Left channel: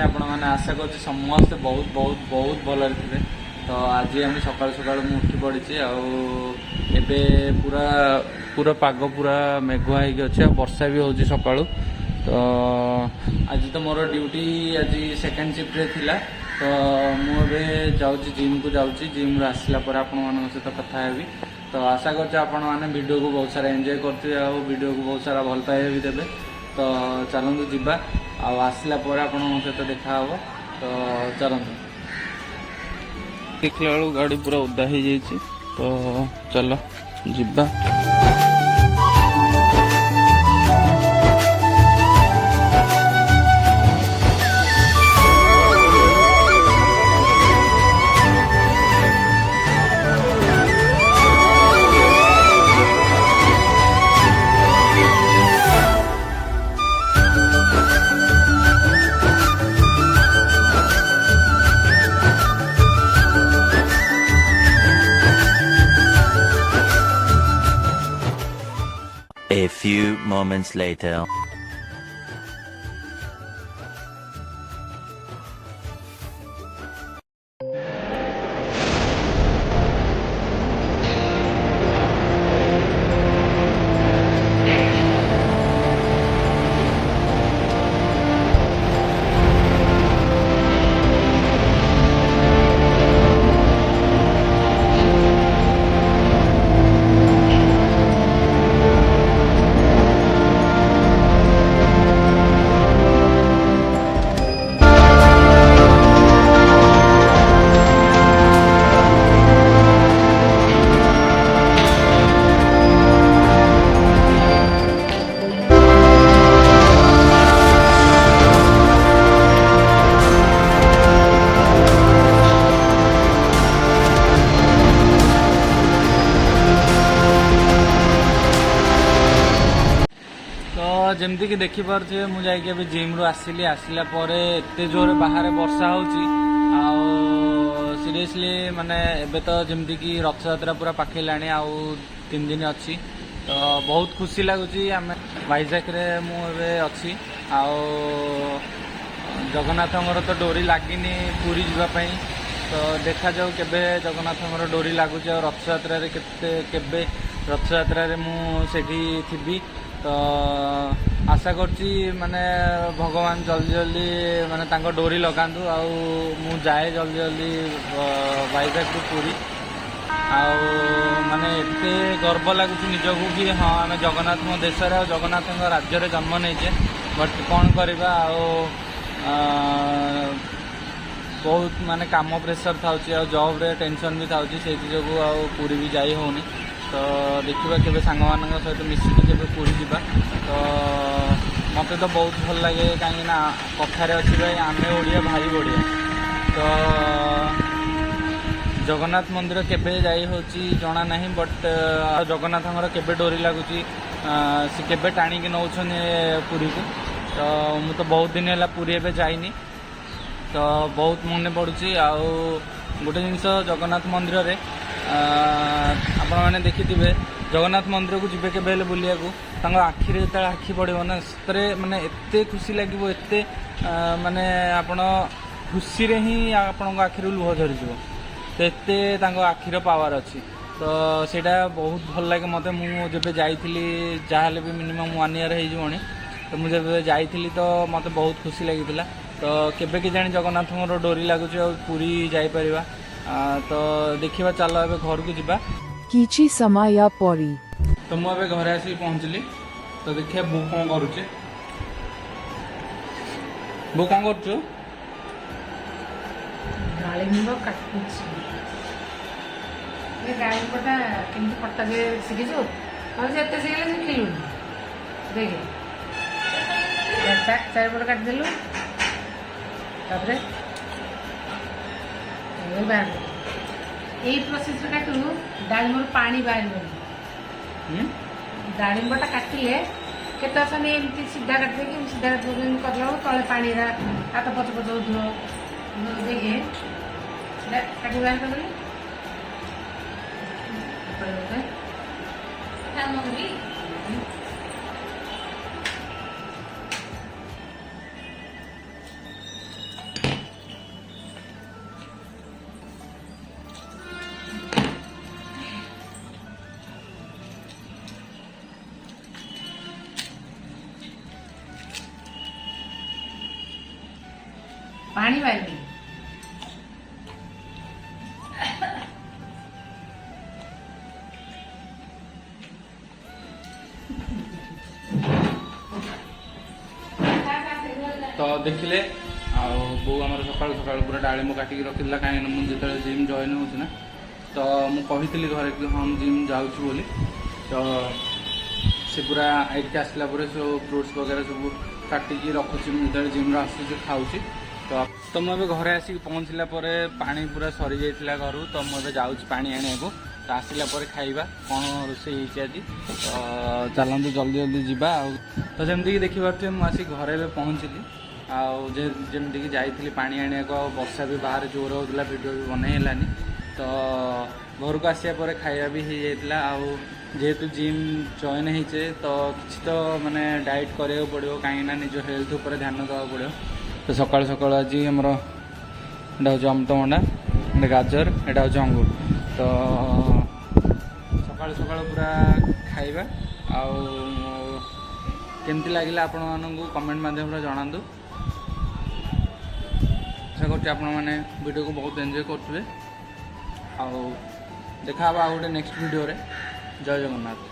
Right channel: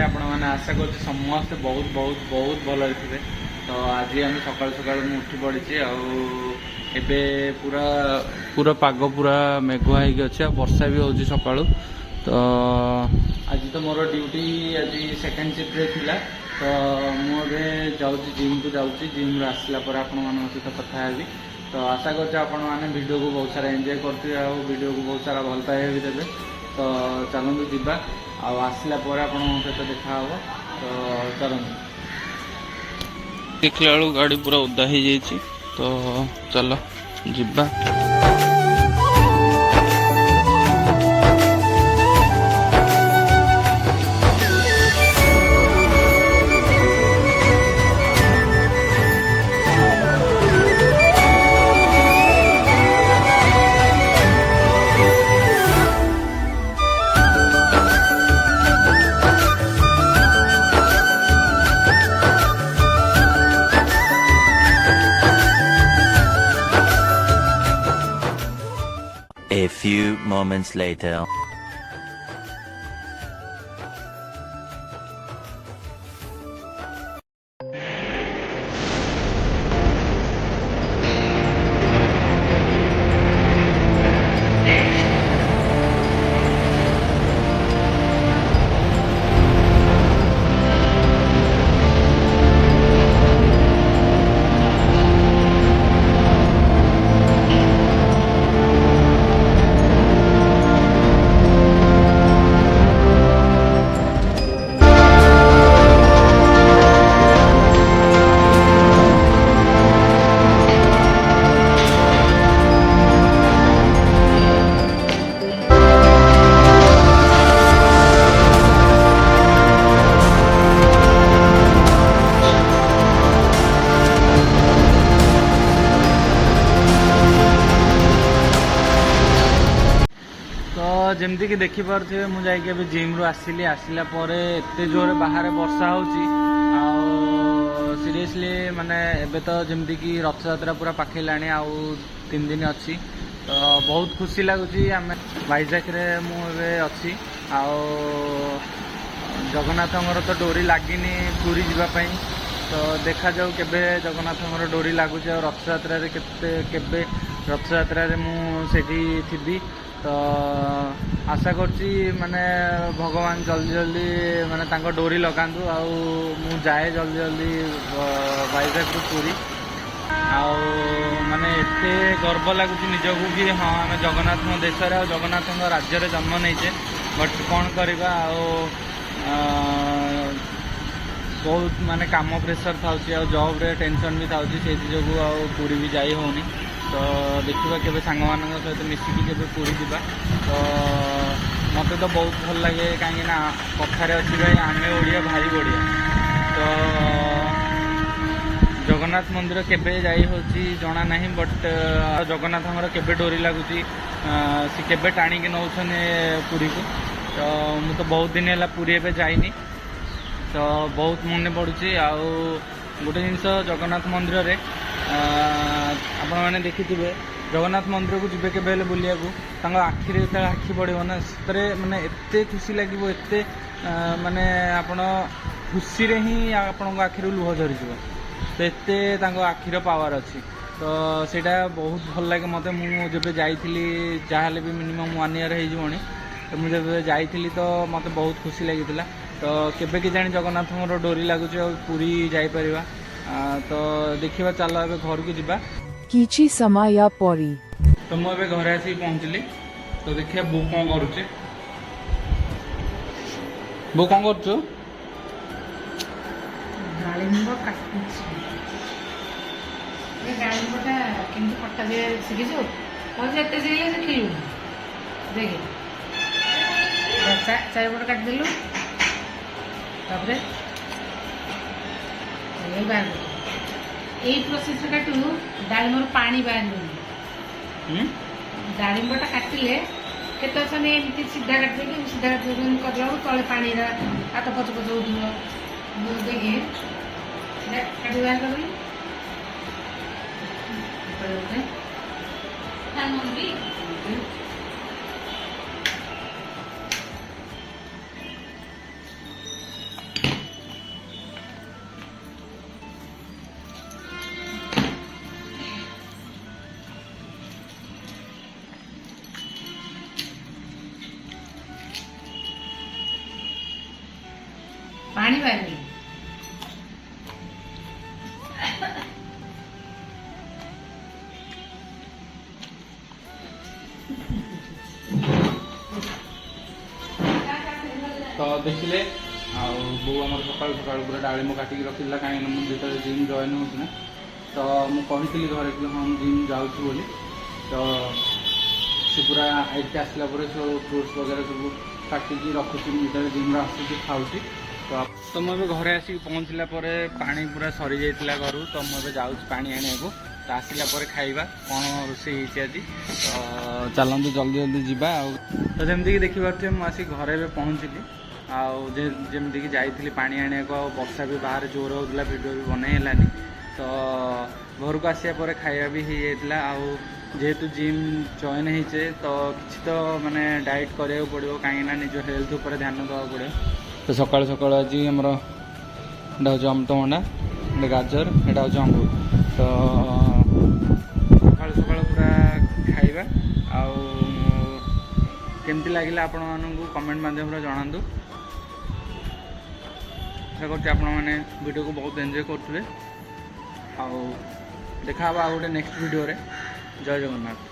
मैंने आपण मैंने आशा कर समस्ते बहुत बहुत बहुत भल थे। तो आज आम सकाल सकाल उठी पड़ी आबे पूरा पूरा पाग पूरा मेघुआ होगी अच्छे वर्षा भी हो सका। तो आज तो मोर ड्यूटी आज सेकेंड शिफ्ट थिला। तो मुझे जाऊँ जिम को जाऊँगी जिम रू आसला आपण मान सहित कथा हेबी। तो आशा कर वीडियो को बहुत सारा एंजॉय करते वीडियो को बहुत सारा भल पाइबा भी देवे। तो चलतु जीवा आसला आपण सहित देखा हे। तो चलतु देखला बेलू गाड़ी पूरा ओदा हो जाइए। तो चलो जीवा। A few moments later. जमती कि देखिपे मुझे जिम रू आसिली आसला एत जोर बाहर वर्षा होची सीरियसली माने एबे तो जमती कि रथ यात्रा पूरा पाखिलानी आउ 3 दिन अच्छी। तो बहुत खुशी लगुच आम वाइजाक मुझे अच्छी जगन्नाथ तो डोरी लगिनी पूरी जावाई। तो देखा जाऊ केबे जगन्नाथ डोरी लगुच रथ यात्रा केबे रथ यात्रा मुझे थी। तो आशा करची माने भगवान जल्दी जल्दी माने तांको डोरी लगांतु मु जाए जल्दी जल्दी वाइजाक रु पूरी माने एते गर्व लगुच निजको कि हाँ आम जगन्नाथ देश जगन्नाथ राज्य जन्म नहीं। बट कौन करवा बहुत माने काम प्रेसर था जॉब रे टेंशन भी था से जो पूरी भी जाई होनी। तो देखा केबे सांग मान सहित मिसिकी केबे पूरी जीवा। तो मत तो बहुत भल लगे कहीं कथार अच्छी भाई आमे ओडिया भाई बढ़िया। तो जगन्नाथ मंदिर केबे जाई होची जना नहीं। बट जगन्नाथ केबे डोरी लगुच सी केबे टाणिकी नौछन पूरी को। तो मु तो बहुत दिन है पूरी एबे जाइनी। तो बहुत मन पड़ुची गोटे जिनस जगन्नाथ मंदिर रे आपण मैंने देखी जगन्नाथ मंदिर को जीवे के बुलिया आखि जो आखि पड़ो ना से माने एत खुशी लगे एत माने आपण खुशी रे ही आपण आखि लुह झरी तो एत आखिर पावर अच्छी। तो सेटा बहुत भल लगे मत मुझे जाइली जहाँ भी मिनिमम 1 ईयर हो। तो मुझे जाइली तो मत बहुत खुशी लगी। तो केबे कि जानी जगन्नाथ डोरी लगुच पूरी जापर। तो देखिए चलो ए घर को जीवा किछि समय परी। तो मुझे घर आसिक पहुँचली। तो देखिए बो कौन करुचे बो कौन कर डालिम्ब काटुछि ए डालिम्बटा केमती कटा जे शिखिछु और जेते शिखले से खिलु देखे चारिपट काट देलु तापरे ये बाग यही प्रोसेस काटू डालिम्बर पानी बाहर डालिम्बटा काटिले केते अछने एमती सीधा काटले कि सीधा करला तले पानी हाथ पच पच उठो देखे काटी बाहर कर ପାଣି ବାହାରିନି। तो देखिले बो आमर सकाल सकाल पूरा डालिम काटिकी रखीला कहीं मुझे जिम जॉइन होना तो मुझे घरे कि हाँ जिम जाऊँ बोली तो से पूरा आइट आसला सब फ्रुट्स वगैरह सब काटिकी रखुची मुझे जिम आसूँ खाऊँ तो मुझे घरे आसिक पहुँचला पानी पूरा सरी जाइला घर तो मुझे जाऊँ पानी आने को तो आसला खाइबा कौन रोषे आज तो चलते जल्दी जल्दी जावा तो जमीक देखिपे मुझे घरे पहुँचली आमती जाइली पानी आने को वर्षा भी बाहर जोर होता वीडियो भी बनई है तो घर को आसापर खाया भी हो जाता जेहेतु जिम जॉइन होचे तो किसी तो माने डाइट करा पड़ो कहीं निज हेल्थ उपर ध्यान देवा पड़ो तो सकाल सकाल आज आमर एटा हूँ अमृतभंडा एटा गाजर एटा हूँ अंगूर तो सकाल सकाल पूरा खाइबा केमती लगिला आपण मानू कमेंट माध्यम जनातु आशा कर वीडियो को बहुत एंजॉय करुवे देखा गोटे नेक्स्ट वीडियो रे जय जगन्नाथ।